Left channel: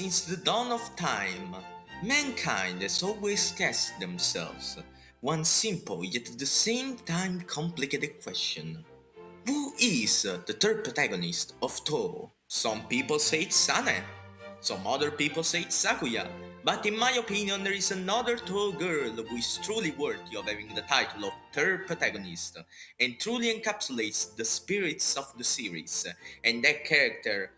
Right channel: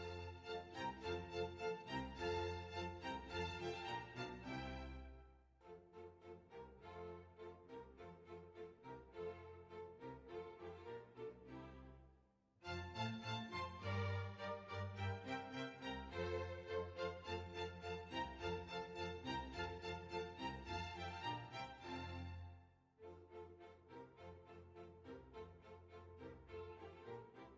Since the dawn of time, mankind has always asked themselves one simple yet at the same time complicated question. Who is the third protagonist of Touhou? Some people say it's Sane, some other people say it's Sakuya, but in my opinion there is another Touhou girl who is truly worthy of having the title of third protagonist and truly encapsulates the spirits of the series, and that character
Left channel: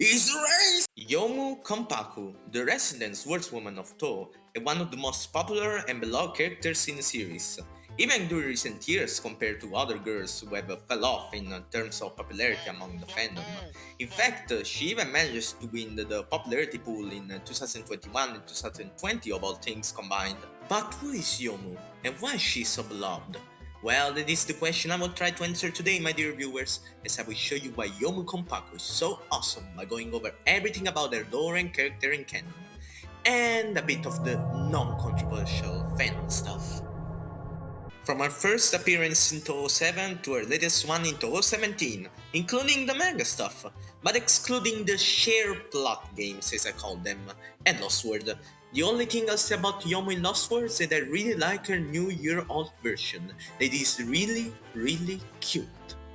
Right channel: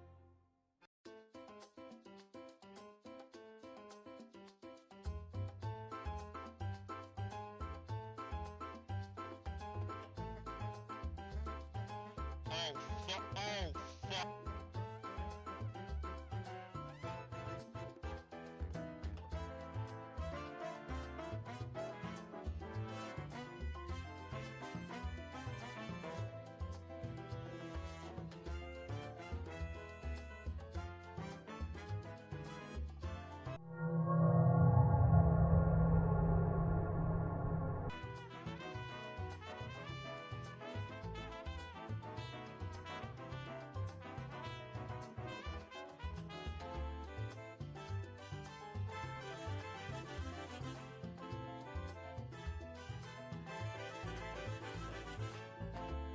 is race! Youmu Konpaku, the resident swordswoman of Touhou, and one of the most popular and beloved characters in the series. Even during recent years compared to other girls who have fell off in terms of popularity among the fandom. In fact, she even managed to win the popularity pool in 2021 and 2020 of all things combined. But who is Yomu, and why is she so beloved? Well, that is the question I will try to answer today, my dear viewers, as I will show you why Youmu Konpaku is so awesome by going over everything about their lore and character in canon, and a bit of the non-controversial fan stuff. From her first appearance in Touhou 7 to her latest one in Touhou 17, including the manga stuff, but excluding the shared plot games as I call them, and Lost World. The only thing I'll say about Yomu in Lost World is that I really like her new year-old version, that is really, really cute.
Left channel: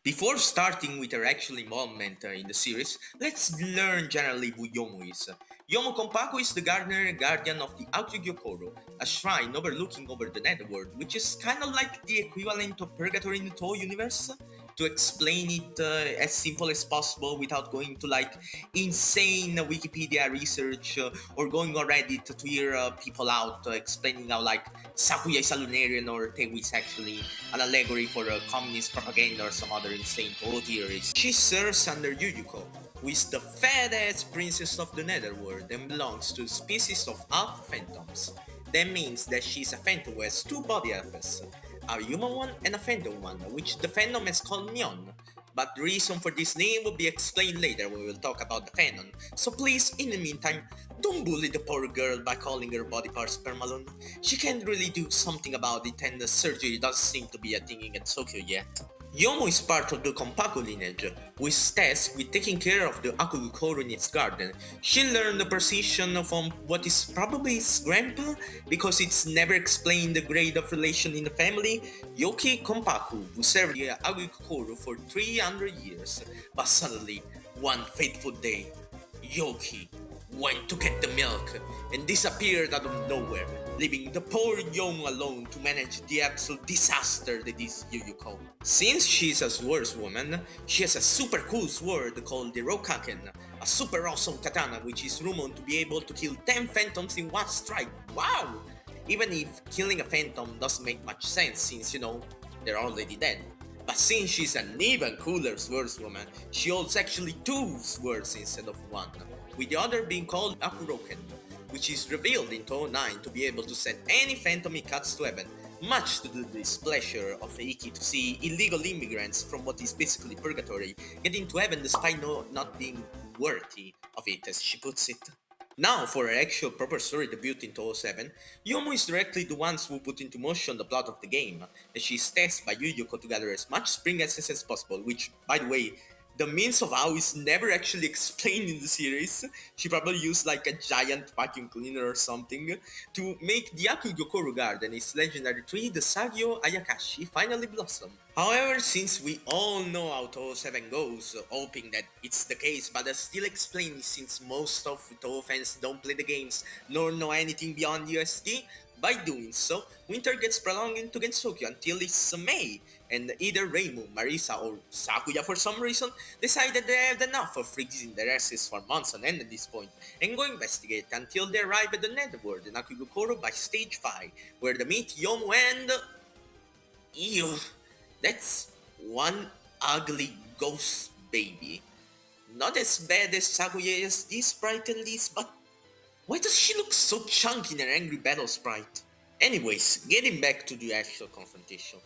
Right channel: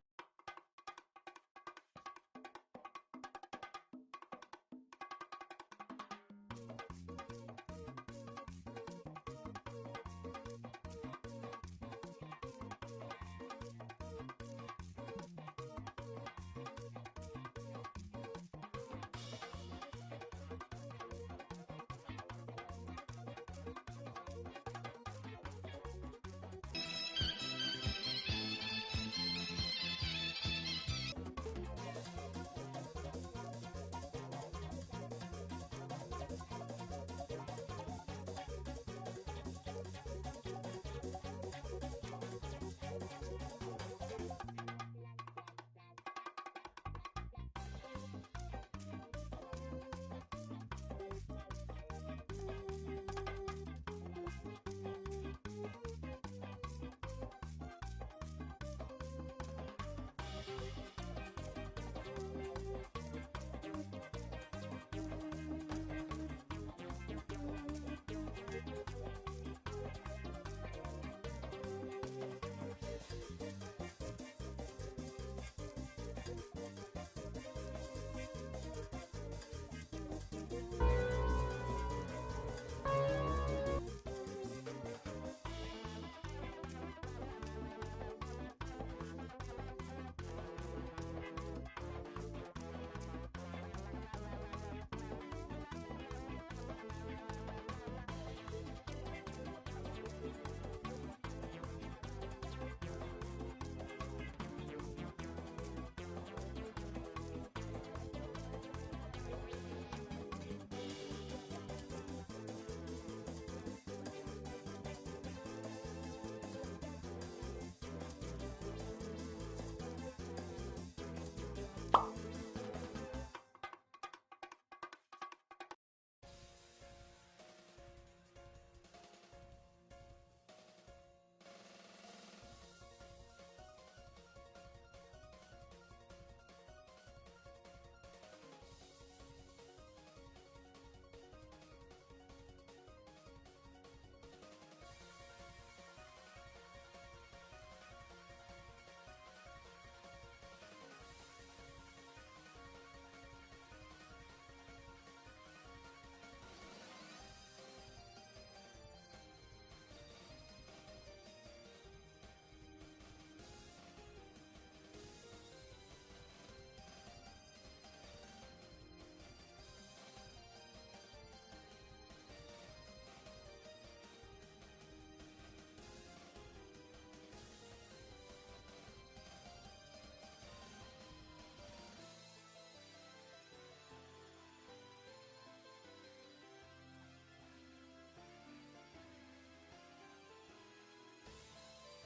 Before starting with her actual involvement in the series, let's learn generally who Yomu is. Youmu Konpaku is the gardener and guardian of the Akugyo-koro, a shrine overlooking over the netherworld, which is kind of like the equivalent of purgatory in the Touhou universe. To explain it as simple as possible without going to like insane Wikipedia research or going on Reddit to hear people out explaining how like Sakuya is a Lunarian or Tewi is actually an allegory for communist propaganda or some other insane Touhou theories. She serves under Yuyuko, who is the fat-ass princess of the netherworld and belongs to the species of half phantoms. That means that she's a phantom who has two body halves, a human one and a phantom one, which the fandom has called Nyon. But the reason for this name will be explained later when we will talk about the Fanon. So please, in the meantime, don't bully the poor girl by calling her body parts permalon. She can't really do something about it, and the surgery doesn't seem to be a thing in Gensokyo yet. Yomu is part of the Konpaku lineage, who is tasked with taking care of the Akugyo-koro in its garden. She learned the precision from what is probably his grandpa, because it's never explained the grade of relation in the family, Yoki Konpaku, who served the Akugyo-koro for 300 years. But suddenly, one fateful day, Yoki went to get the milk and disappeared out of nowhere, leaving the poor Young alone to manage the absolute disaster that is Yuyuko. Since she's a swordswoman, she has a super cool sword called the Rokaken, a super awesome katana which is rumored to be able to kill 10 phantoms in one strike. Wow! Even if killing a phantom doesn't make much sense since, they're already dead. But since she's an even cooler swordswoman, she holds actually two swords instead of one, with the other being called Akuroken, which is revealed in Touhou 9 to be able to send any phantom he cuts to heaven, much to the displeasure of Eiki to see illegal immigrants from what is basically purgatory getting to heaven despite not being worthy of it, as she puts it. Now, for her actual proper story debut in Touhou 7, Yomu is directly the ones who put into motion the plot of the game, and she is tasked by Yuyuko to gather as much spring essence as possible, which, by the way, the means of how is never actually explained in the series. She probably used like a giant vacuum cleaner or something to make the Akugyo-koro garden, its legendary tree, the Sagyo Ayakashi, finally blossom. However, since we all know how Touhou 7 goes, hoping that it's the case, but I still explain since most of Touhou fans don't play the games nor know anything beyond USD, by doing so, winter gets prolonged into Gensokyo until it's May, and either Reimu, Marisa, or Sakuya for some reason decided they had enough of freezing their asses for months on end at this point, and go investigate until they arrive at the netherworld in Akugyo-koro by stage 5, where they meet Yomu and... Ew, that's one ugly ghost baby. Not as bad as Sakuya as this sprite at least, but why does she look so chunky in her angry battle sprite? Anyways, getting back to the actual confrontation.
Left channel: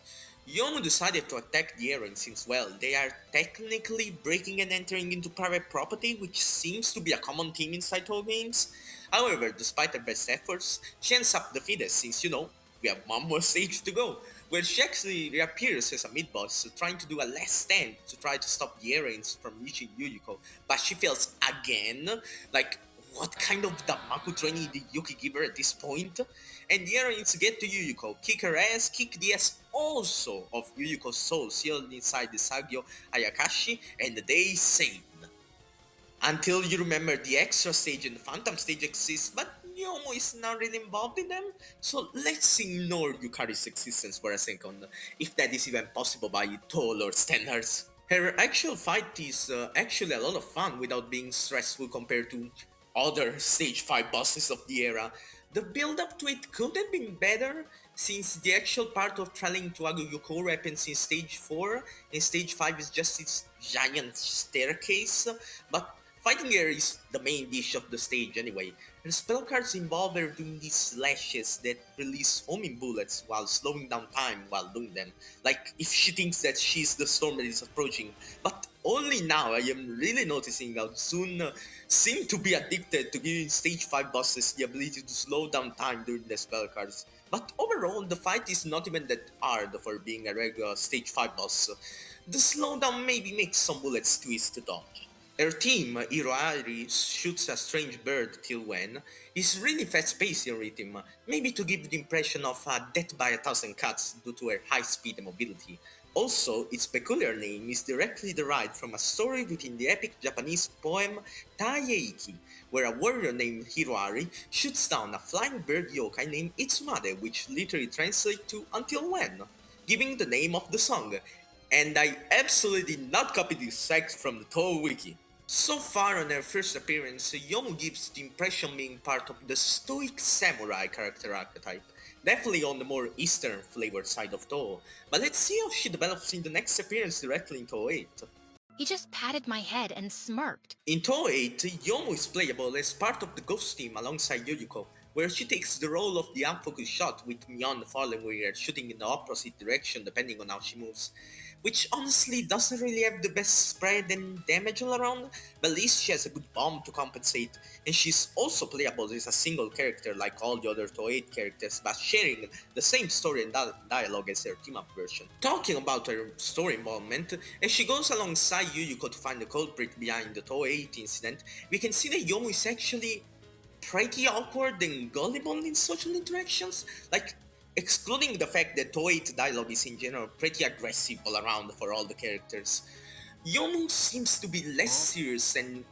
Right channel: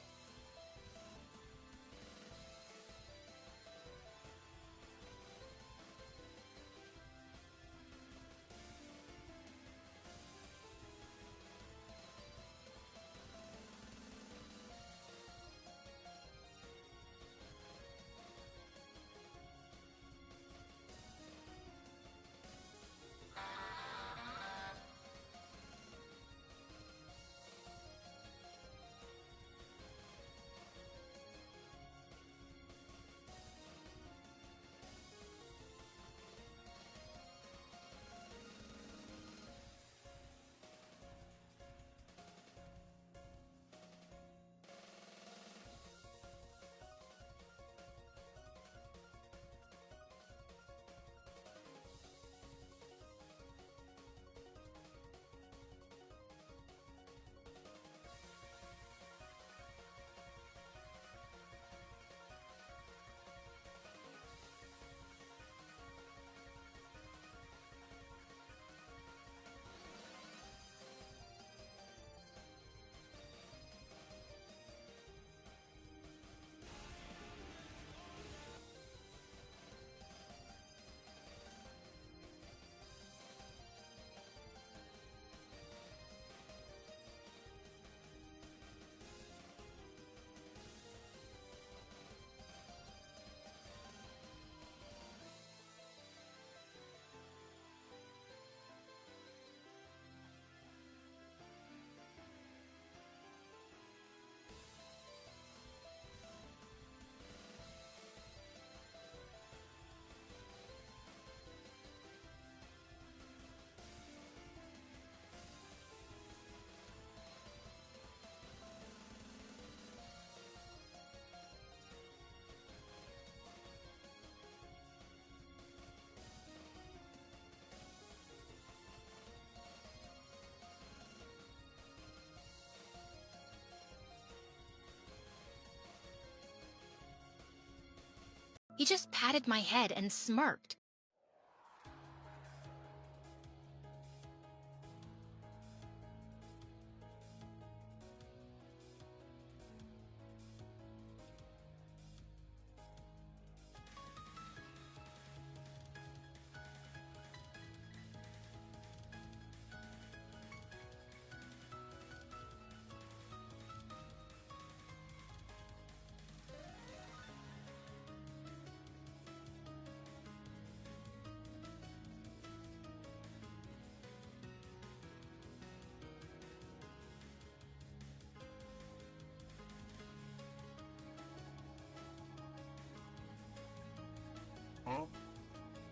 Yomu decided to attack the heroine since, well, they are technically breaking and entering into private property, which seems to be a common theme inside Touhou games. However, despite her best efforts, she ends up defeated since, we have one more stage to go, where she actually reappears as a mid-boss, trying to do a last stand to try to stop the heroines from reaching Yuyuko, but she fails again. Like, what kind of Damaku training did Yuki give her at this point? And the errands get to Yuyuko, kick her ass, kick the ass also of Yuyuko's soul sealed inside the Sagyo Ayakashi, and they saved. Until you remember the extra stage and the phantom stage exists, but Yomo is not really involved in them, so let's ignore Yukari's existence for a second, if that is even possible by Touhou Lord standards. Her actual fight is actually a lot of fun without being stressful compared to other stage 5 bosses of the era. The build up to it could have been better, since the actual part of traveling to Aguyoko happens in stage 4, and stage 5 is just its giant staircase, but fighting her is the main dish of the stage anyway. Her spell cards involve her doing these slashes that release homing bullets while slowing down time while doing them, like if she thinks that she's the storm that is approaching. But only now I am really noticing how ZUN seem to be addicted to giving stage 5 bosses the ability to slow down time during the spell cards. But overall, the fight is not even that hard for being a regular stage 5 boss. The slowdown maybe makes some bullets twist to dodge. Her team, Iroari shoots a strange bird till when, is really fast-paced in rhythm, maybe to give the impression of death by a thousand cuts due to her high speed and mobility. Also, its peculiar name is directly derived from a story within the epic Japanese poem Taieiki, where a warrior named Hiroari shoots down a flying bird yokai named Itsumade, which literally translates to until when, giving the name of the song. And I absolutely did not copy this text from the Touhou wiki. So far on her first appearance, Yomu gives the impression being part of the stoic samurai character archetype, definitely on the more eastern flavored side of Touhou, but let's see how she develops in the next appearance directly in Touhou 8. He just patted my head and smirked. In Touhou 8, Yomu is playable as part of the Ghost team alongside Yuyuko, where she takes the role of the unfocused shot with Mion following her, shooting in the opposite direction depending on how she moves, which honestly doesn't really have the best spread and damage all around, but at least she has a good bomb to compensate, and she's also playable as a single character like all the other Touhou 8 characters, but sharing the same story and dialogue as her team-up version. Talking about her story involvement, as she goes alongside Yuyuko to find the culprit behind the Touhou 8 incident, we can see that Yomu is actually pretty awkward and gullible in social interactions, like excluding the fact that Touhou 8 dialogue is in general pretty aggressive all around for all the characters. Yomu seems to be less serious and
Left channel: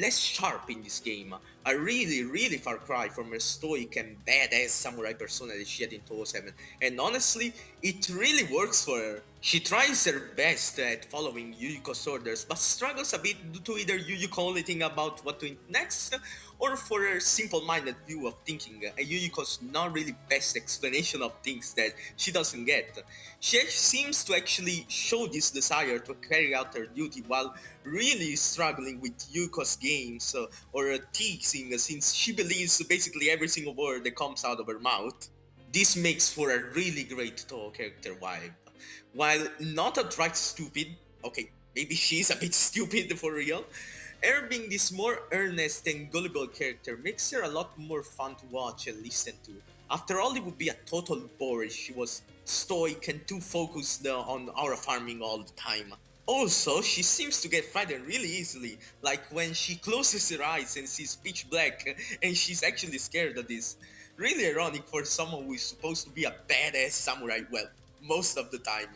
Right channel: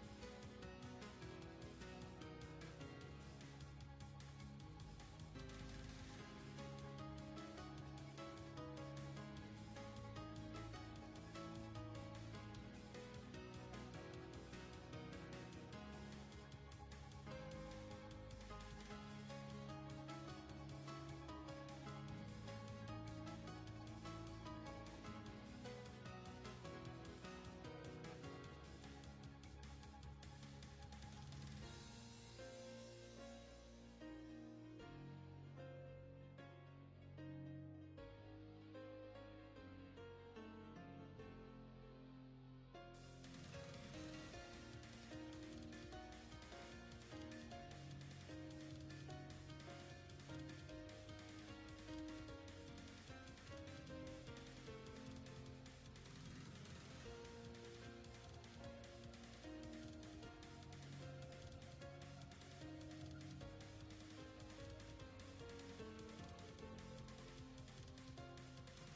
less sharp in this game, a really far cry from her stoic and badass samurai persona that she had in Touhou 7, and honestly, it really works for her. She tries her best at following Yuyuko's orders, but struggles a bit due to either Yuyuko only thinking about what to do next, or for her simple-minded view of thinking, and Yuyuko's not really best explanation of things that she doesn't get. She seems to actually show this desire to carry out her duty while really struggling with Yuyuko's games or teasing, since she believes basically every single word that comes out of her mouth. This makes for a really great Touhou character vibe. While not outright stupid, okay, maybe she's a bit stupid for real, her being this more earnest and gullible character makes her a lot more fun to watch and listen to. After all, it would be a total bore if she was stoic and too focused on aura farming all the time. Also, she seems to get frightened really easily, like when she closes her eyes and sees pitch black and she's actually scared of this. Really ironic for someone who is supposed to be a badass samurai, well, most of the time.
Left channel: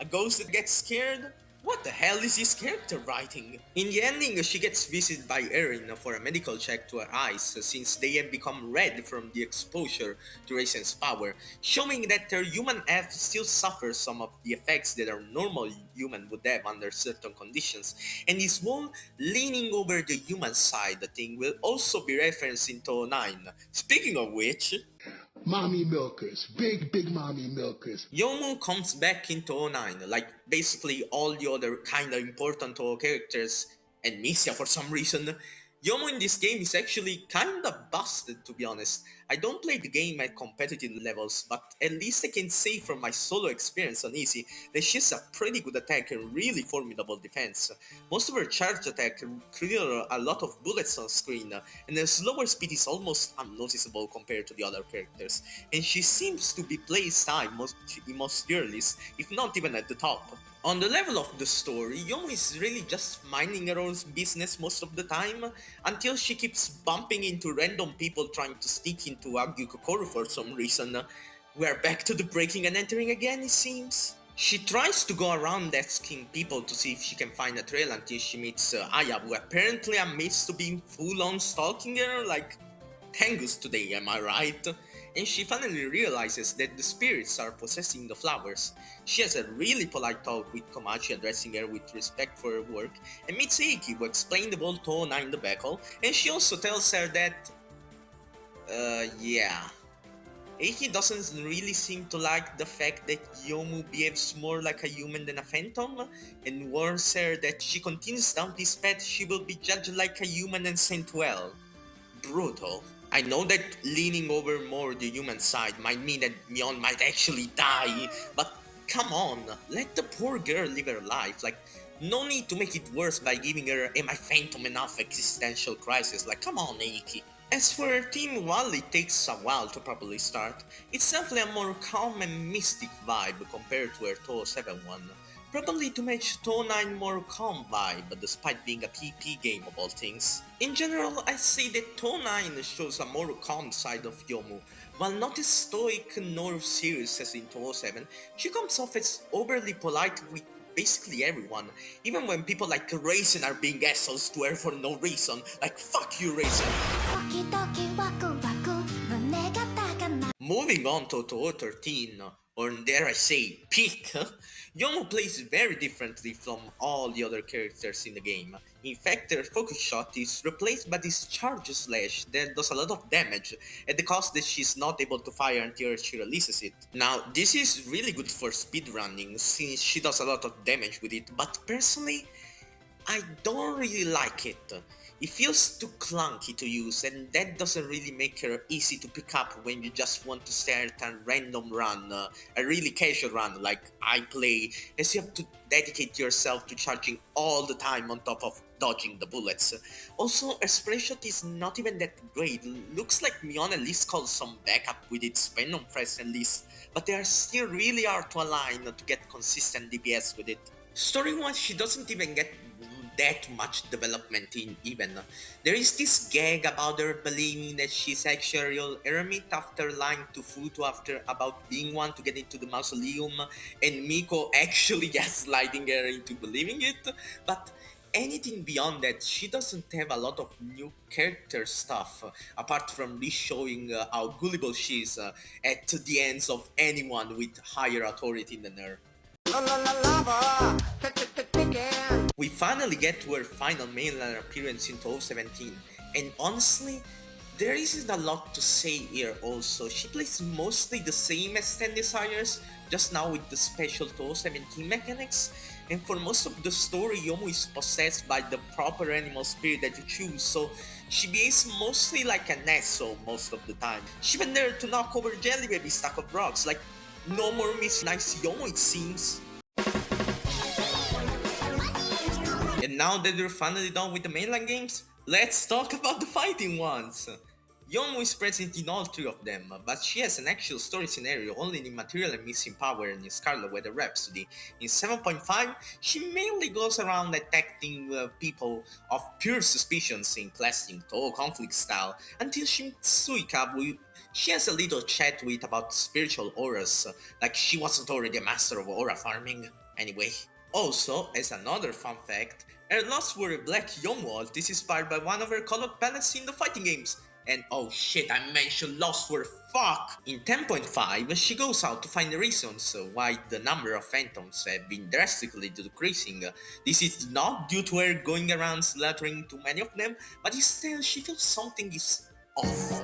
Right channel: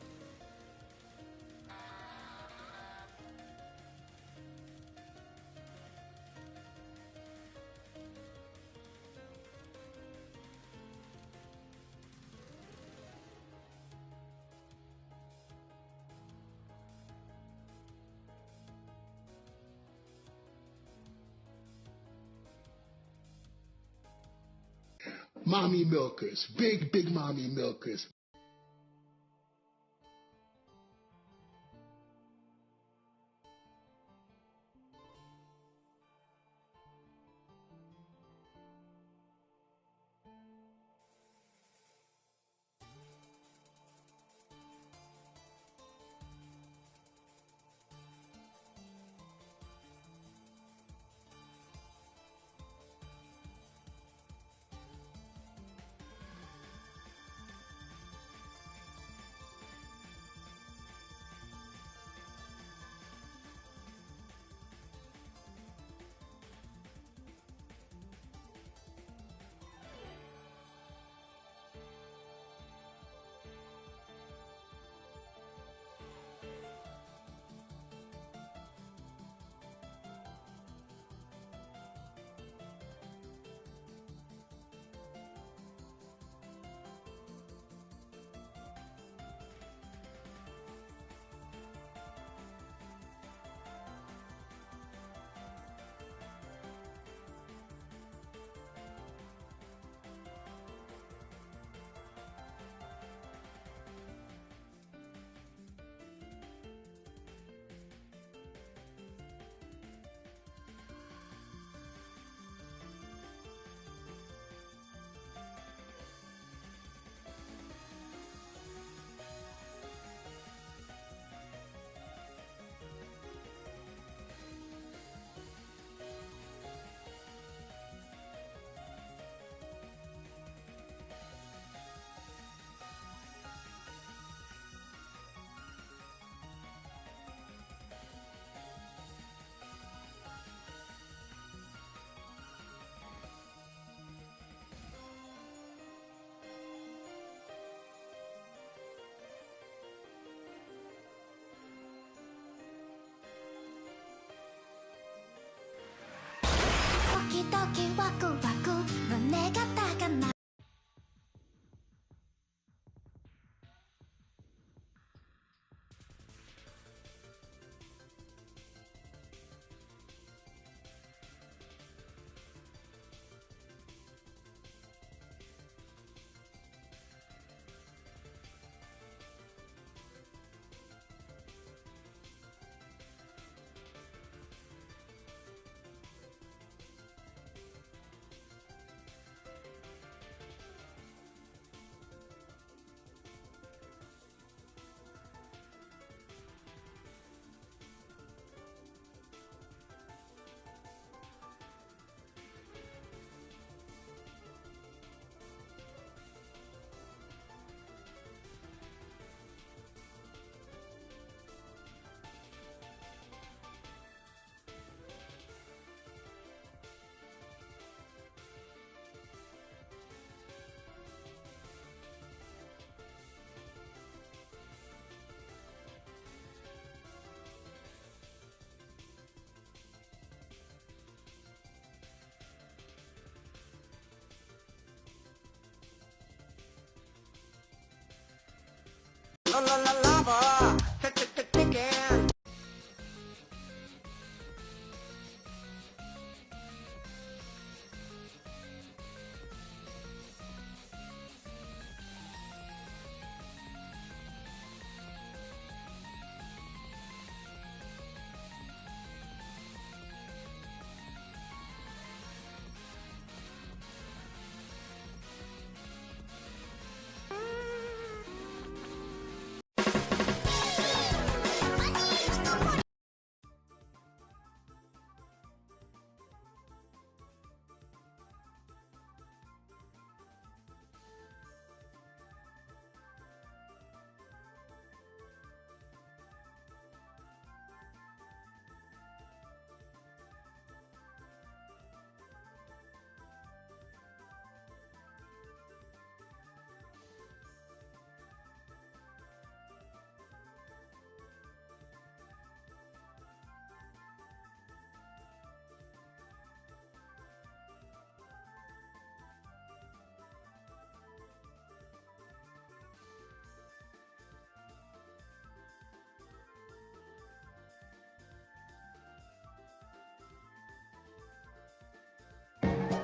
A ghost that gets scared? What the hell is this character writing? In the ending, she gets visited by Erin for a medical check to her eyes, since they have become red from the exposure to Raisen's power, showing that her human F still suffers some of the effects that a normal human would have under certain conditions, and this whole leaning over the human side thing will also be referenced in Touhou 9. Speaking of which, mommy milkers, big mommy milkers. Yomu comes back into 09, like basically all the other kinda important Touhou characters, and Misia for some reason. Yomu in this game is actually kinda busted, to be honest. I don't play the game at competitive levels, but at least I can say from my solo experience on Easy that she's a pretty good attacker and really formidable defense. Most of her charge attack clear a lot of bullets on screen, and her slower speed is almost unnoticeable compared to the other characters, and she seems to be placed high in most tier lists, if not even at the top. On the level of the story, Yomu is really just minding her own business most of the time, until she keeps bumping into random people trying to sneak into Agyu Kokoro for some reason. We're back to the breaking and entering again, it seems. She tries to go around asking people to see if she can find a trail until she meets Aya, who apparently admits to being full-on stalking her, like Tengus today, am I right? And she finally realizes that the spirits are possessing the flowers. She has a really polite talk with Komachi, addressing her with respect for her work, and meets Eiki, who explained the whole Touhou in the battle, and she also tells her that, yeah. Eiki doesn't really seem to like the fact that Yomu behaves more like a human than a phantom, and warns her that if she continues down this path, she will be judged like a human and sent well. Brutal. I know that leaning over more the human side might mean that Mion might actually die, but come on, let the poor girl live her life. Like, no need to make it worse by giving her "Am I Phantom enough?" existential crisis. Like, come on, Eiki. As for her team, while it takes a while to properly start, it's definitely a more calm and mystic vibe compared to her Touhou 7 one. Probably to match Touhou 9 more calm vibe, despite being a PP game of all things. In general, I say that Touhou 9 shows a more calm side of Yomu. While not as stoic nor serious as in Touhou 7, she comes off as overly polite with basically everyone, even when people like Raisin are being assholes to her for no reason. Like, fuck you, Raisin! Moving on to Touhou 13, or dare I say, Peak, Yomu plays very differently from all the other characters in the game. In fact, her focus shot is replaced by this charge slash that does a lot of damage, at the cost that she's not able to fire until she releases it. Now, this is really good for speedrunning, since she does a lot of damage with it, but personally, I don't really like it. It feels too clunky to use, and that doesn't really make her easy to pick up when you just want to start a random run, a really casual run like I play, as you have to dedicate yourself to charging all the time on top of dodging the bullets. Also, her spray shot is not even that great. Looks like Mion at least calls some backup with its Fanon press at least, but they are still really hard to align to get consistent DPS with it. Story-wise, she doesn't even get that much development in even. There is this gag about her believing that she's actually a real eremit after lying to Futo after about being one to get into the mausoleum, and Miko actually gaslighting her into believing it, but anything beyond that, she doesn't have a lot of new character stuff, apart from re-showing how gullible she is at the ends of anyone with higher authority than her. We finally get to her final mainline appearance in Touhou 17, and honestly, there isn't a lot to say here also. She plays mostly the same as 10 Desires, just now with the special Touhou 17 mechanics, and for most of the story, Yomu is possessed by the proper animal spirit that you choose, so she behaves mostly like an asshole most of the time. She even dared to knock over Jelly Baby stack of rocks, like no more Miss Nice Yomu it seems. And now that we're finally done with the mainline games, let's talk about the fighting ones! Yomu is present in all three of them, but she has an actual story scenario only in Material and Missing Power and in Scarlet Weather Rhapsody. In 7.5, she mainly goes around attacking people of pure suspicions in classic Touhou conflict style, until she meets Suika, who she has a little chat with about spiritual auras, like she wasn't already a master of aura farming. Anyway. Also, as another fun fact, her last word Black Yomu ult is inspired by one of her colored palettes in the fighting games. And oh shit, I mentioned Lost Word, fuck! In 10.5, she goes out to find the reasons why the number of phantoms have been drastically decreasing. This is not due to her going around slaughtering too many of them, but instead she feels something is off.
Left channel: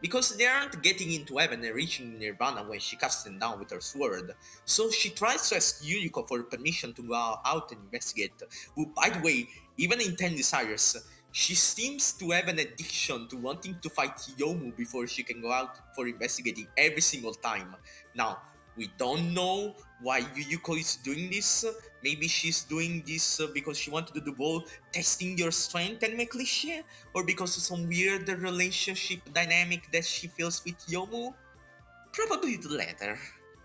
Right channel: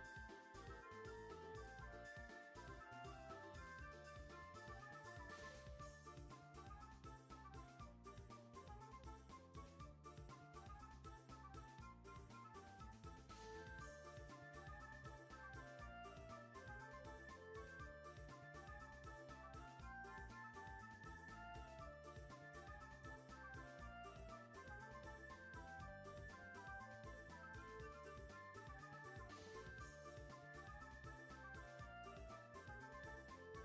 Because they aren't getting into heaven and reaching nirvana when she casts them down with her sword. So she tries to ask Yuriko for permission to go out and investigate, who by the way, even in 10 Desires, she seems to have an addiction to wanting to fight Yomu before she can go out for investigating every single time. Now, we don't know why Yuyuko is doing this. Maybe she's doing this because she wanted to do the whole testing your strength and make cliché, or because of some weird relationship dynamic that she feels with Yomu. Probably the latter.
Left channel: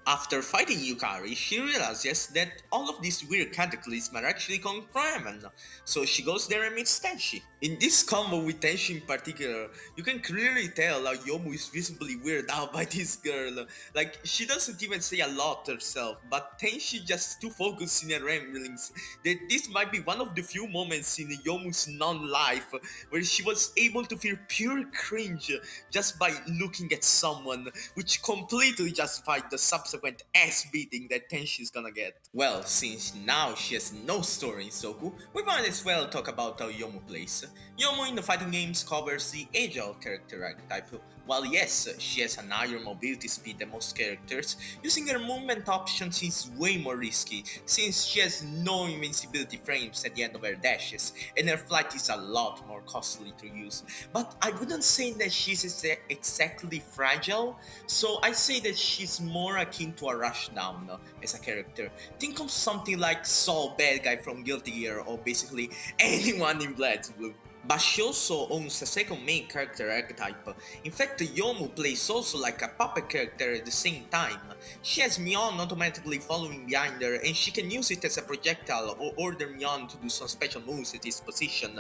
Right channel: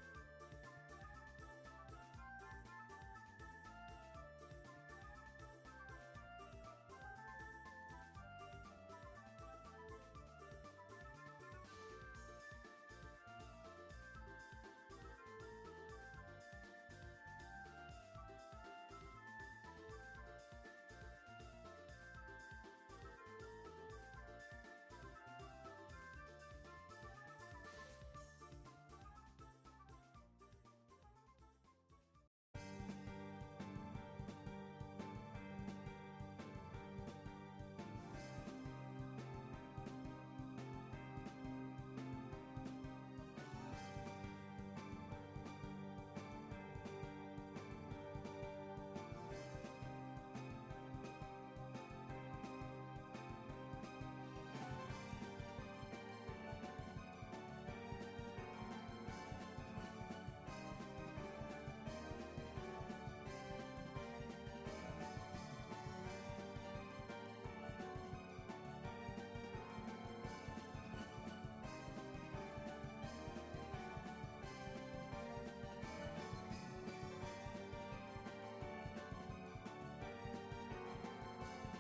After fighting Yukari, she realizes that all of these weird cataclysms are actually coming from Ramen, so she goes there and meets Tenshi. In this combo with Tenshi in particular, you can clearly tell how Yomu is visibly weirded out by this girl. Like, she doesn't even say a lot herself, but Tenshi just too focused in her ramblings that this might be one of the few moments in Yomu's non-life where she was able to feel pure cringe just by looking at someone, which completely justified the subsequent ass beating that Tenshi's gonna get. Well, since now she has no story in Soku, we might as well talk about how Yomu plays. Yomu in the fighting games covers the agile character archetype. While yes, she has an higher mobility speed than most characters, using her movement options is way more risky, since she has no invincibility frames at the end of her dashes, and her flight is a lot more costly to use. But I wouldn't say that she's exactly fragile, so I say that she's more akin to a rushdown as a character. Think of something like Saul Bad Guy from Guilty Gear, or basically anyone in BlazBlue. But she also owns a second main character archetype. In fact, Yomu plays also like a puppet character at the same time. She has Mion automatically following behind her, and she can use it as a projectile or order Mion to do some special moves at his position.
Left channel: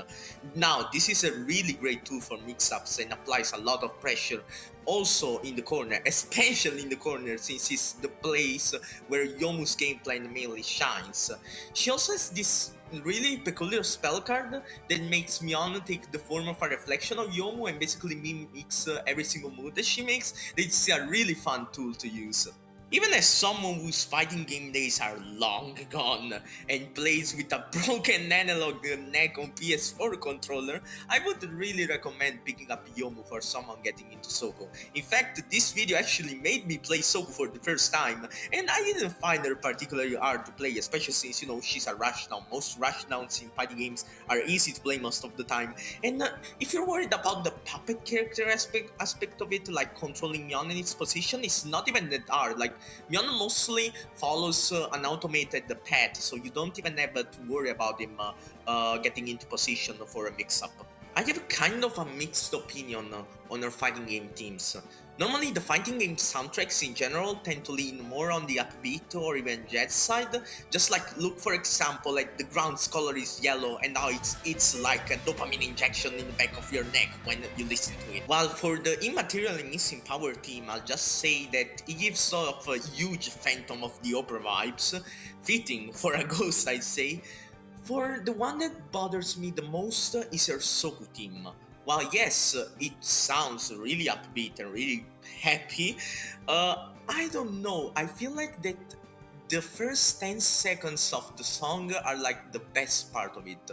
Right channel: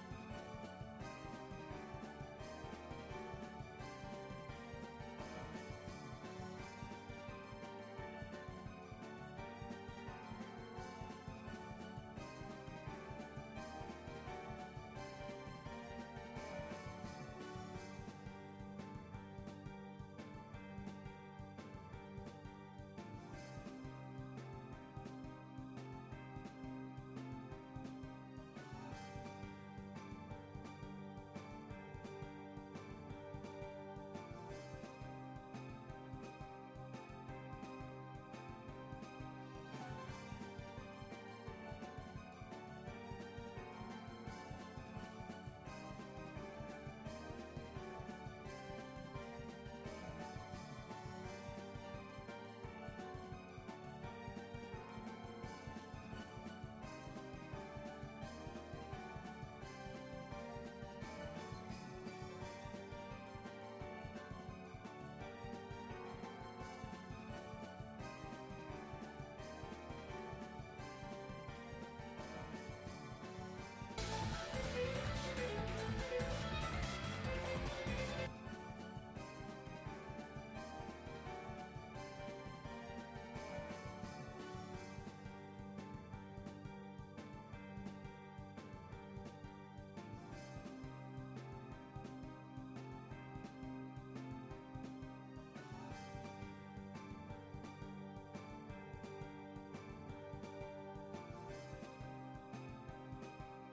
Now, this is a really great tool for mix-ups and applies a lot of pressure also in the corner, especially in the corner since it's the place where Yomu's gameplay mainly shines. She also has this really peculiar spell card that makes Mion take the form of a reflection of Yomu and basically mimics every single move that she makes. It's a really fun tool to use. Even as someone whose fighting game days are long gone and plays with a broken analog neck on PS4 controller, I would really recommend picking up Yomu for someone getting into Soku. In fact, this video actually made me play Soku for the first time, and I didn't find her particularly hard to play, especially since, she's a rushdown. Most rushdowns in fighting games are easy to play most of the time, and if you're worried about the puppet character aspect of it, like controlling Mion in its position, it's not even that hard. Like, Mion mostly follows an automated path, so you don't even have to worry about him getting into position for a mix-up. I have kind of a mixed opinion on our fighting game themes. Normally, the fighting game soundtracks in general tend to lean more on the upbeat or even jazz side. Just like, look for example, like the ground's color is yellow and now it's like a dopamine injection in the back of your neck when you listen to it. While for the Immaterial and Missing Power theme, I'll just say that it gives sort of a huge Phantom of the Opera vibes, fitting for a ghost, I'd say. For the one that bothers me the most is her Soku theme. While yes, it sounds really upbeat and really happy, I don't know, I feel like that the first 10 seconds of the song are like the best part of it.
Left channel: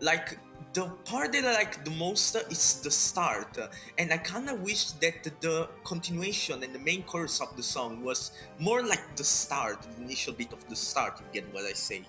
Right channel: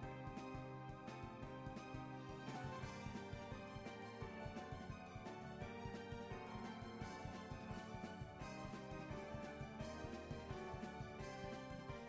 Like, the part that I like the most is the start, and I kinda wish that the continuation and the main chorus of the song was more like the start, the initial bit of the start, if you get what I say.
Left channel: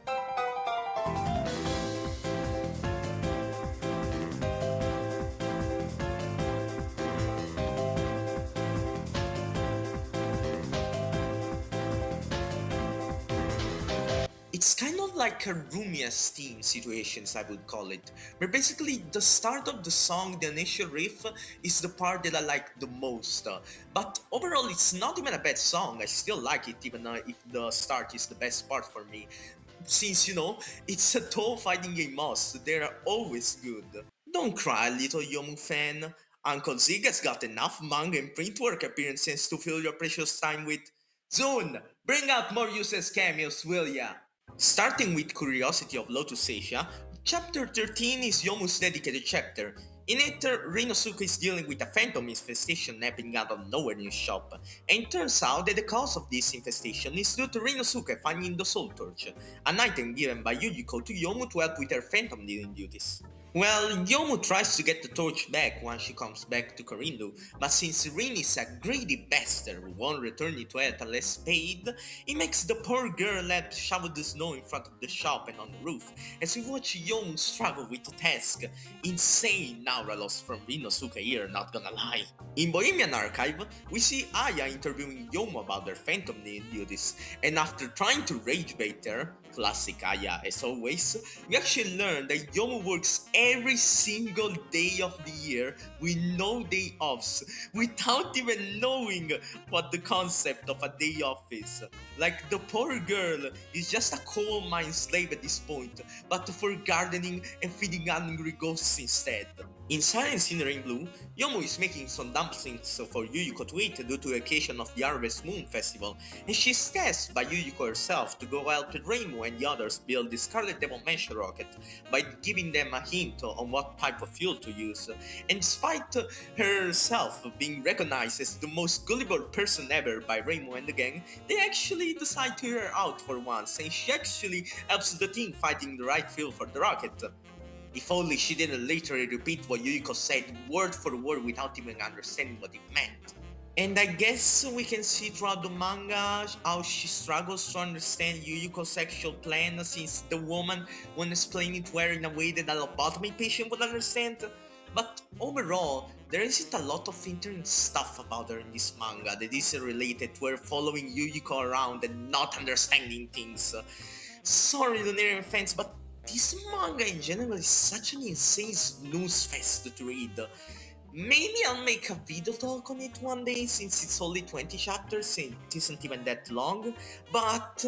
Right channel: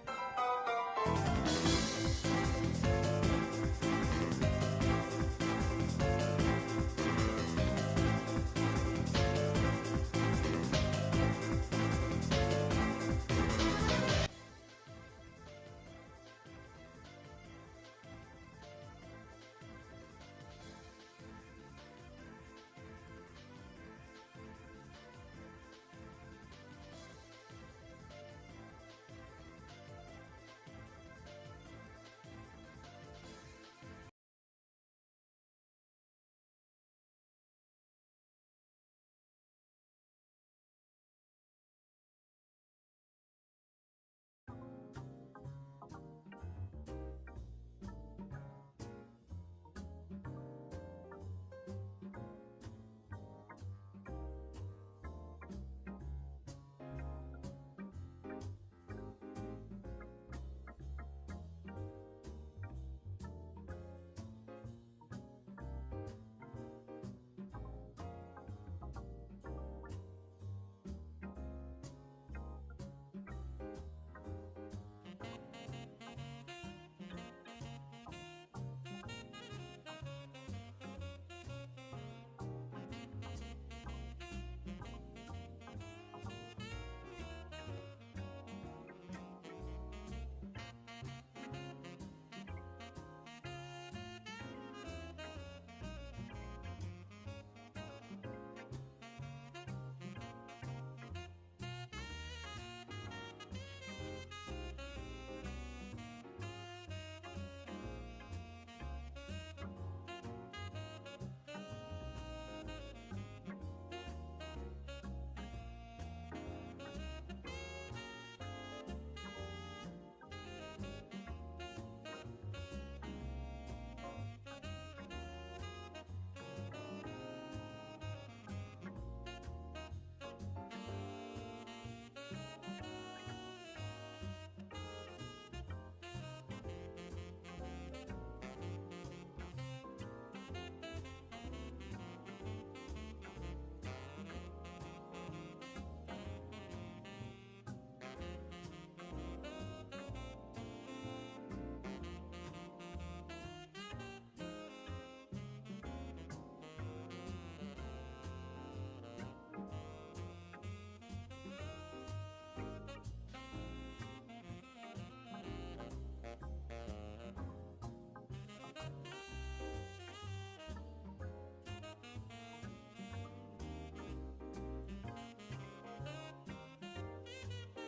It's kind of like a Rumia's theme situations, I would call it, where basically the start of the song, the initial riff, is the part that I like the most. But overall, it's not even a bad song. I still like it, even if the start is the best part for me. Since, it's a Touhou fighting game must, they're always good. Don't cry, little Yomu fan. Uncle Zig has got enough manga and print work appearances to fill your precious time with. ZUN, bring out more useless cameos, will ya? Starting with Curiosity of Lotus Asia, Chapter 13 is Yomu's dedicated chapter. In it, Rinosuke is dealing with a phantom infestation happening out of nowhere in his shop, and it turns out that the cause of this infestation is due to Rinosuke finding the Soul Torch, an item given by Yujiko to Yomu to help with her phantom dealing duties. Well, Yomu tries to get the torch back once she comes back to Korindu, but since Rin is a greedy bastard who won't return it to her unless paid, he makes the poor girl help shovel the snow in front of the shop and on the roof, as we watch Yomu struggle with the task. Insane aura loss from Rinosuke here, not gonna lie. In Bohemian Archive, we see Aya interviewing Yomu about their phantom duties, and after trying to rage bait her, classic Aya as always, we actually learn that Yomu works every single day of the year with no day offs, without even knowing what the concept of a day off is. Like, the poor girl is just a coal mine slave at this point, but for gardening and feeding angry ghosts instead. In Silent Sinner in Blue, Yomu is making some dumplings for Yuyuko to eat due to the occasion of the Harvest Moon Festival, and she's tasked by Yuyuko herself to go help Reimu and the others build the Scarlet Devil Mansion rocket by giving them a hint on what type of fuel to use. And despite herself being recognized as the most gullible person ever by Reimu and the gang, they actually decide to hear her out for once, and she actually helps the team finding the right fuel for the rocket. If only she didn't literally repeat what Yuyuko said word for word without even understanding what it meant. And I guess we can see throughout the manga how she struggles to understand Yuyuko's sexual plan, since the woman won't explain it to her in a way that a lobotomy patient would understand. But overall, there isn't a lot of interesting stuff about her in this manga that isn't related to her following Yuyuko around and not understanding things. Sorry, Lunarian fans, but this manga in general is such an insane snooze fest to read. Maybe I'll make a video talk on it one day, since it's only 20 chapters and it isn't even that long, but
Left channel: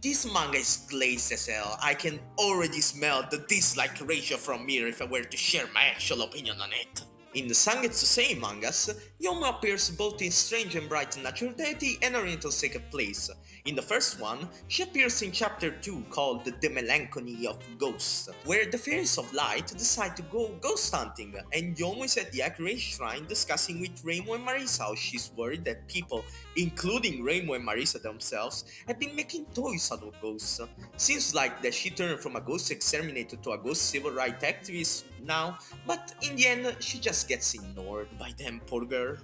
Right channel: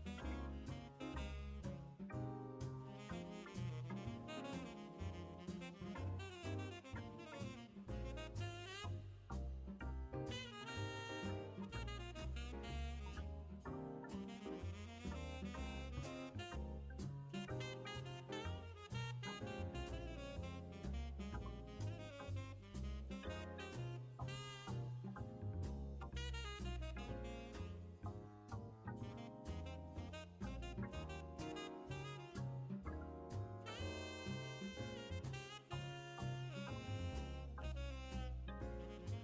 this manga is glazed as hell. I can already smell the dislike ratio from here if I were to share my actual opinion on it. In the Sangetsusei mangas, Yomu appears both in Strange and Bright Natural Deity and Oriental Sacred Place. In the first one, she appears in chapter 2 called The Melancholy of Ghosts, where the Fairies of Light decide to go ghost hunting, and Yomu is at the Accurate Shrine discussing with Reimu and Marisa how she's worried that people, including Reimu and Marisa themselves, have been making toys out of ghosts. Seems like that she turned from a ghost exterminator to a ghost civil rights activist now, but in the end she just gets ignored by them, poor girl.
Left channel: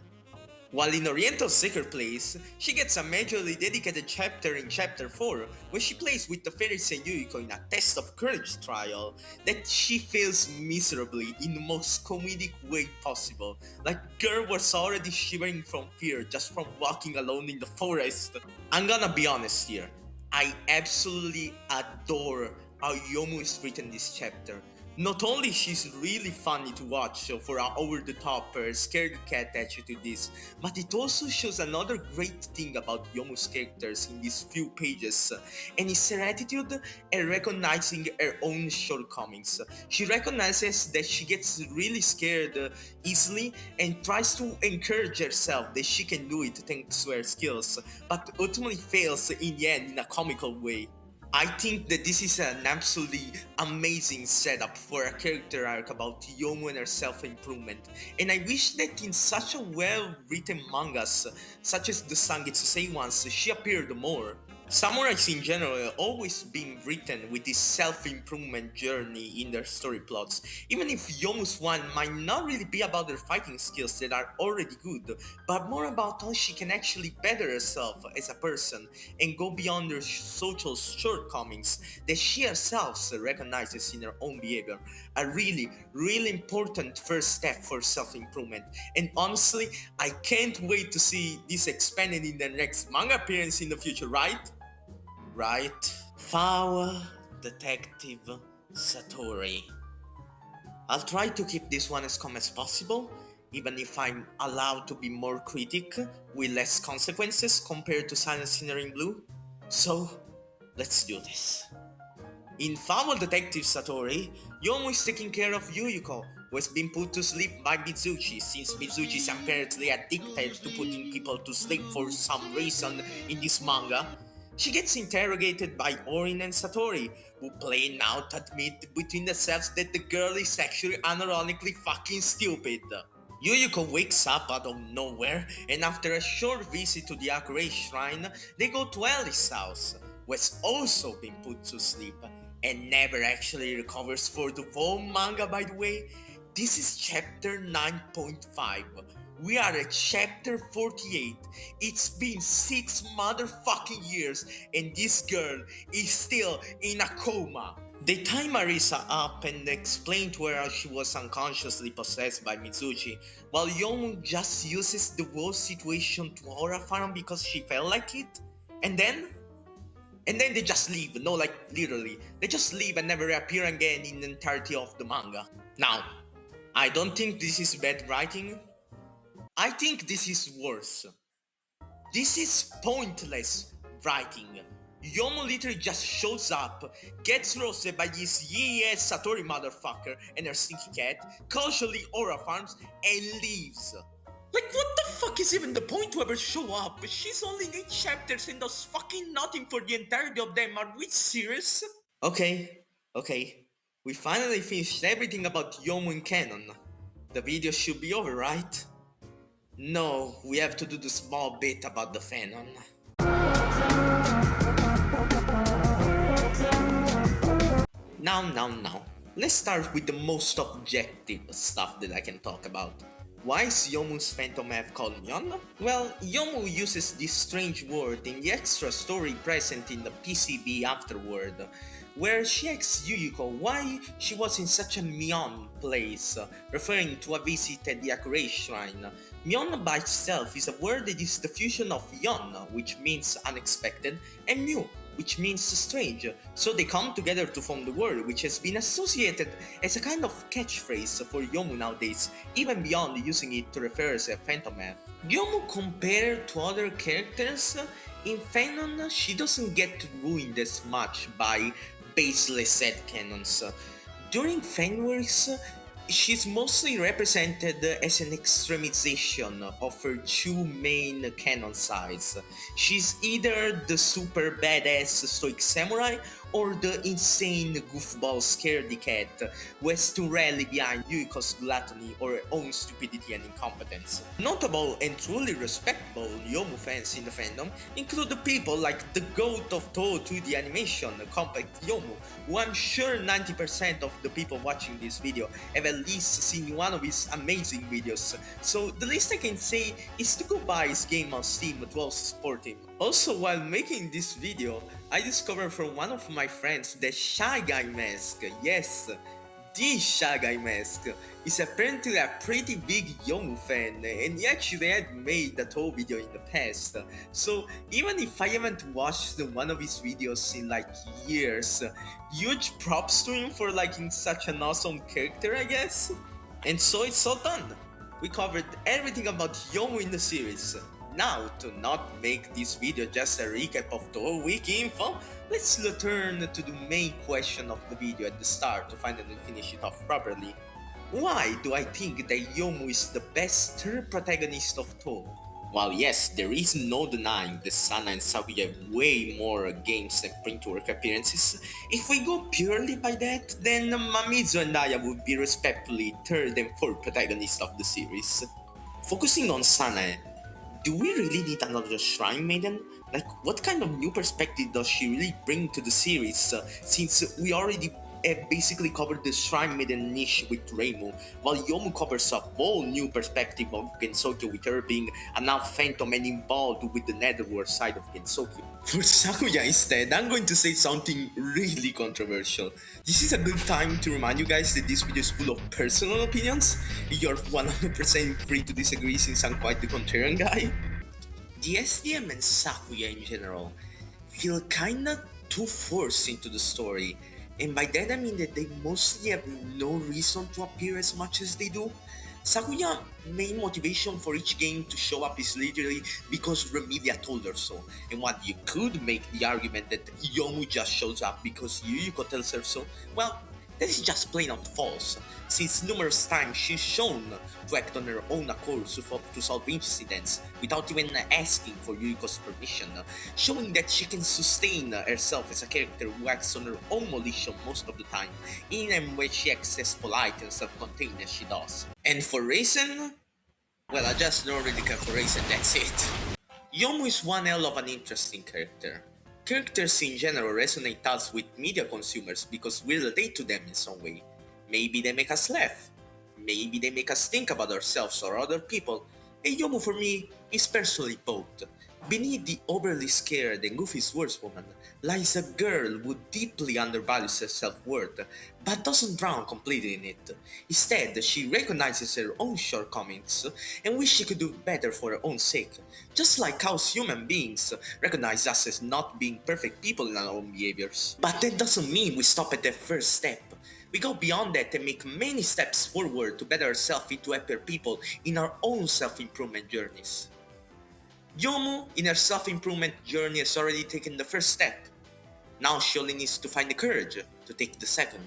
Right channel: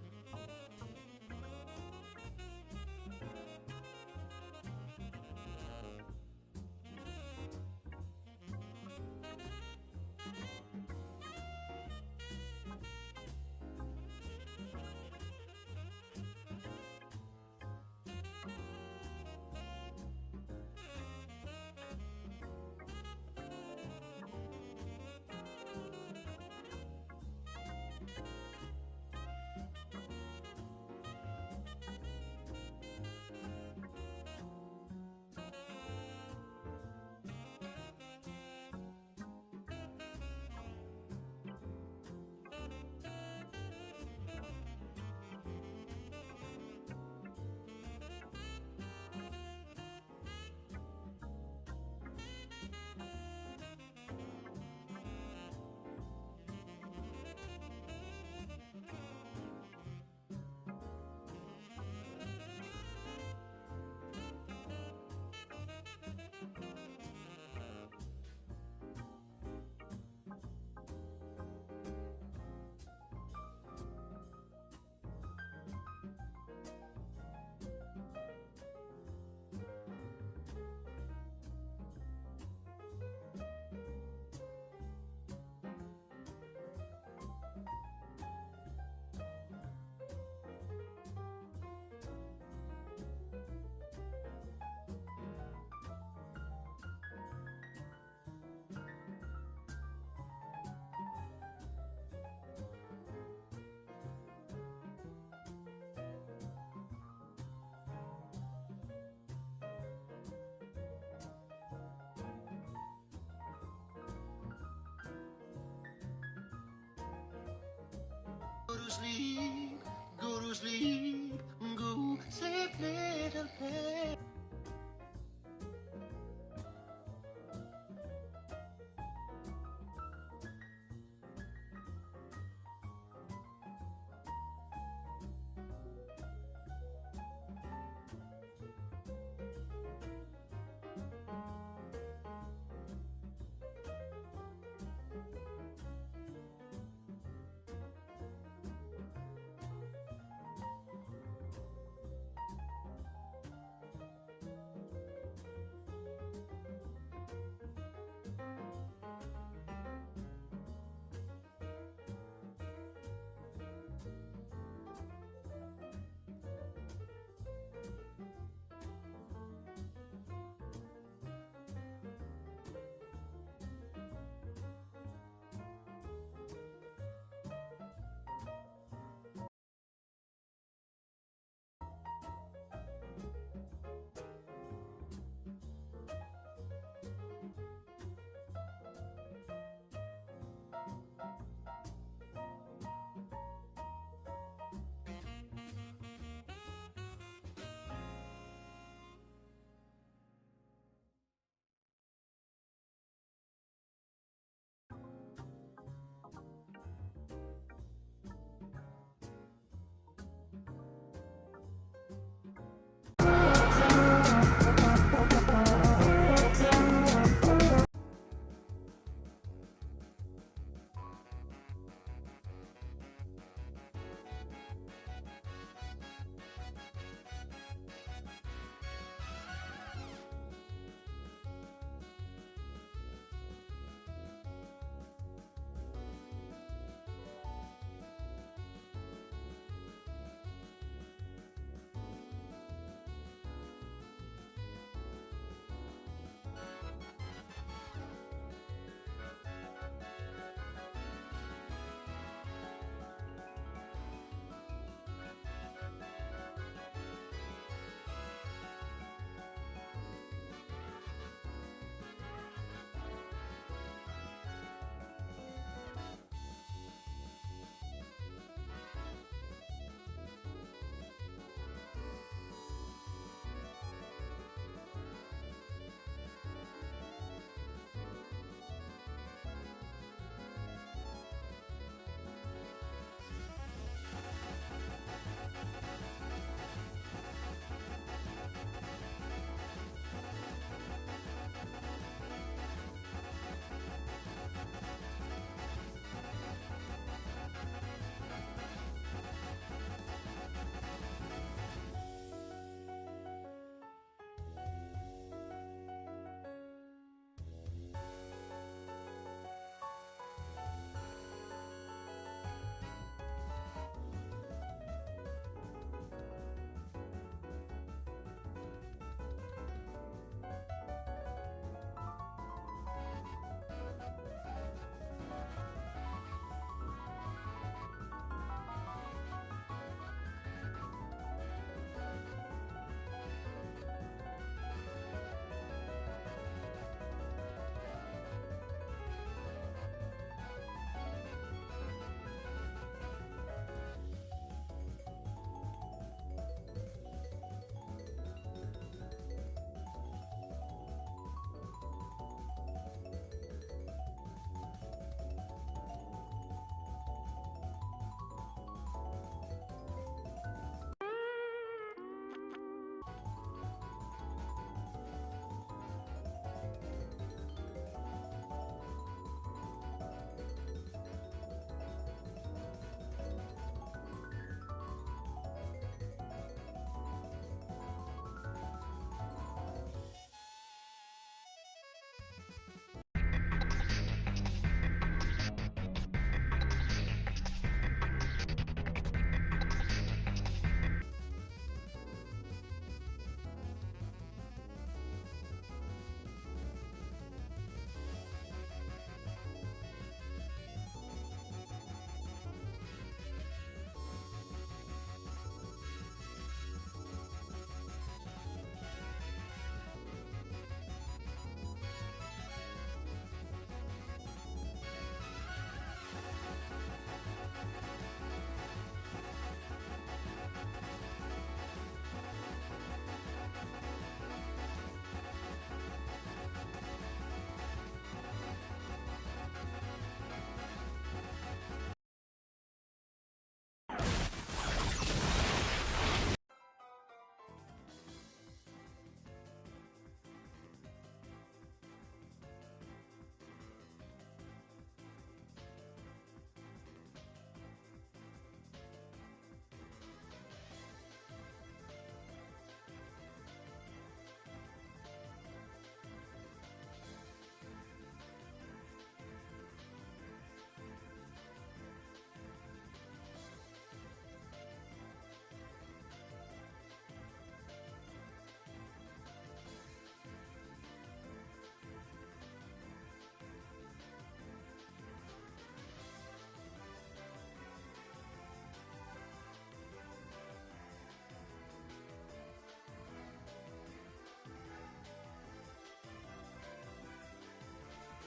While in Oriental Sacred Place, she gets a majorly dedicated chapter in chapter 4, where she plays with the fairies and Yuyuko in a test of courage trial that she fails miserably in the most comedic way possible. Like, girl was already shivering from fear just from walking alone in the forest. I'm gonna be honest here, I absolutely adore how Yomu is written this chapter. Not only she's really funny to watch for her over-the-top scared cat attitude to this, but it also shows another great thing about Yomu's characters in these few pages, and it's her attitude at recognizing her own shortcomings. She recognizes that she gets really scared easily and tries to encourage herself that she can do it thanks to her skills, but ultimately fails in the end in a comical way. I think that this is an absolutely amazing setup for a character arc about Yomu and her self-improvement, and I wish that in such a well-written mangas, such as the Sangetsusei ones, she appeared more. Samurais in general have always been written with this self-improvement journey in their story plots, even if Yomu's one might not really be about her fighting skills that are already good, but more about how she can actually better herself as a person and go beyond her social shortcomings that she herself recognizes in her own behavior. A really, really important first step for self-improvement, and honestly, I can't wait to see this expanded in the next manga appearance in the future, right? Right? Foul Detective Satori. I'll try to keep this one as calm as possible, even if I'm allowed to be more critic with less consequences compared to Silent Sinner in Blue. So, let's do this. In Foul Detective Satori, Yomu is taking care of Yuyuko, who has been put to sleep by Mizuchi, since Mizuchi is apparently addicted to putting people to sleep for some reason in this manga. She gets interrogated by Orin and Satori, who plain out admit between themselves that the girl is actually unironically fucking stupid. Yuyuko wakes up out of nowhere, and after a short visit to the Akure Shrine, they go to Ellie's house, who has also been put to sleep, and never actually recovers for the whole manga, by the way. This is chapter 9.5. We are at chapter 48. It's been 6 motherfucking years and this girl is still in a coma. They tie Marisa up and explain to her how she was unconsciously possessed by Mizuchi, while Yomu just uses the whole situation to horrify him because she felt like it. And then And then they just leave, no, like literally, they just leave and never reappear again in the entirety of the manga. Now, I don't think this is bad writing. I think this is worse. This is pointless writing. Yomu literally just shows up, gets roasted by this yee-ass Satori motherfucker and her stinky cat, casually aura farms, and leaves. Like, what the fuck is even the point to ever show up? She's only in 8 chapters and does fucking nothing for the entirety of them. Are we serious? Okay. We finally finished everything about Yomu in canon. The video should be over, right? No, we have to do the small bit about the Fanon. Now. Let's start with the most objective stuff that I can talk about. Why is Yomu's phantom have called Myon? Well, Yomu uses this strange word in the extra story present in the PCB afterward, where she asks Yuyuko why she was in such a Myon place, referring to a visit at the Akure Shrine. Myon by itself is a word that is the fusion of Yon, which means unexpected, and Mu, which means strange, so they come together to form the word, which has been associated as a kind of catchphrase for Yomu nowadays, even beyond using it to refer as a phantom elf. Yomu compared to other characters, in Fanon she doesn't get ruined as much by baseless headcanons. During fanworks, she's mostly represented as an extremization of her two main canon sides. She's either the super badass stoic samurai or the insane goofball scaredy cat who has to rally behind Yuyuko's gluttony or her own stupidity and incompetence. Notable and truly respectable Yomu fans in the fandom include the people like the goat of Touhou 2D animation, Compact Yomu, who I'm sure 90% of the people watching this video have at least seen one of his amazing videos, so the least I can say is to go buy his game on Steam to also support him. Also, while making this video, I discovered from one of my friends that Shy Guy Mask, yes, the Shy Guy Mask, is apparently a pretty big Yomu fan, and he actually had made that whole video in the past. So even if I haven't watched one of his videos in like years, huge props to him for liking such an awesome character, I guess. And so it's all done. We covered everything about Yomu in the series. Now, to not make this video just a recap of the whole wiki info, let's turn to the main question of the video at the start to finally finish it off properly. Why do I think that Yomu is the best third protagonist of Touhou? While yes, there is no denying that Sana and Sakuya have way more games and print-work appearances, if we go purely by that, then Mamizu and Aya would be respectively third and fourth protagonists of the series. Focusing on Sana, do we really need another Shrine Maiden? Like, what kind of new perspective does she really bring to the series, since we already have basically covered the Shrine Maiden niche with Reimu, while Yomu covers a whole new perspective of Gensokyo with her being a now phantom and involved with the netherworld side of Gensokyo. For Sakuya instead, I'm going to say something really controversial. This is a good time to remind you guys that this video is full of personal opinions. You're 100% free to disagree since I'm quite the contrarian guy. The SDM and Sakuya in general feel kinda too forced into the story, and by that I mean that they mostly have no reason to appear as much as they do. Sakuya's main motivation for each game to show up is literally because Remedia told her so, and while you could make the argument that Yomu just shows up because Yuyuko tells her so, well, that is just plain out false, since numerous times she's shown to act on her own accord to solve incidents without even asking for Yuyuko's permission, showing that she can sustain herself as a character who acts on her own volition most of the time, even when she acts as polite and self-contained as she does. And for Raisin? Well, I just don't really care for Raisin, that's it. Yomu is one hell of an interesting character. Characters in general resonate us with media consumers because we relate to them in some way. Maybe they make us laugh. Maybe they make us think about ourselves or other people, and Yomu for me is personally both. Beneath the overly scared and goofy swordswoman lies a girl who deeply undervalues her self-worth, but doesn't drown completely in it. Instead, she recognizes her own shortcomings and wishes she could do better for her own sake. Just like how human beings recognize us as not being perfect people in our own behaviors. But that doesn't mean we stop at the first step. We go beyond that and make many steps forward to better ourselves into happier people in our own self-improvement journeys. Youmu, in her self-improvement journey, has already taken the first step. Now she only needs to find the courage to take the second.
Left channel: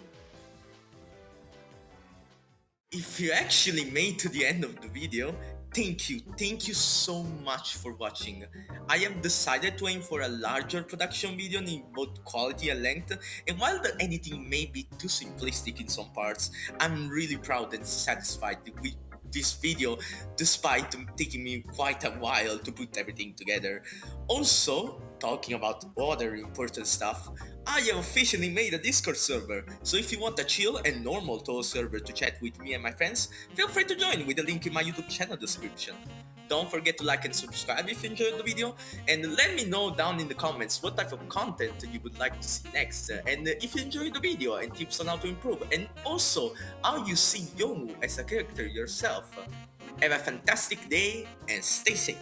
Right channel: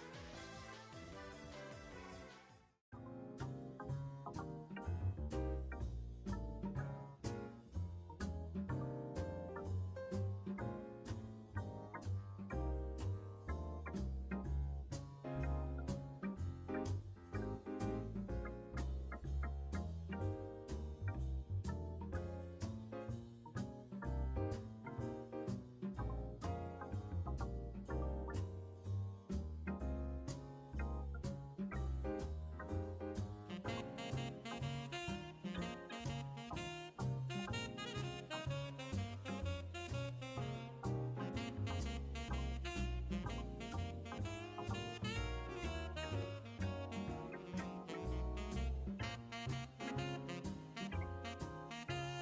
If you actually made to the end of the video, thank you so much for watching. I have decided to aim for a larger production video in both quality and length, and while the editing may be too simplistic in some parts, I'm really proud and satisfied with this video despite taking me quite a while to put everything together. Also, talking about other important stuff, I have officially made a Discord server, so if you want a chill and normal Touhou server to chat with me and my friends, feel free to join with the link in my YouTube channel description. Don't forget to like and subscribe if you enjoyed the video, and let me know down in the comments what type of content you would like to see next, and if you enjoyed the video and tips on how to improve, and also how you see Youmu as a character yourself. Have a fantastic day and stay safe!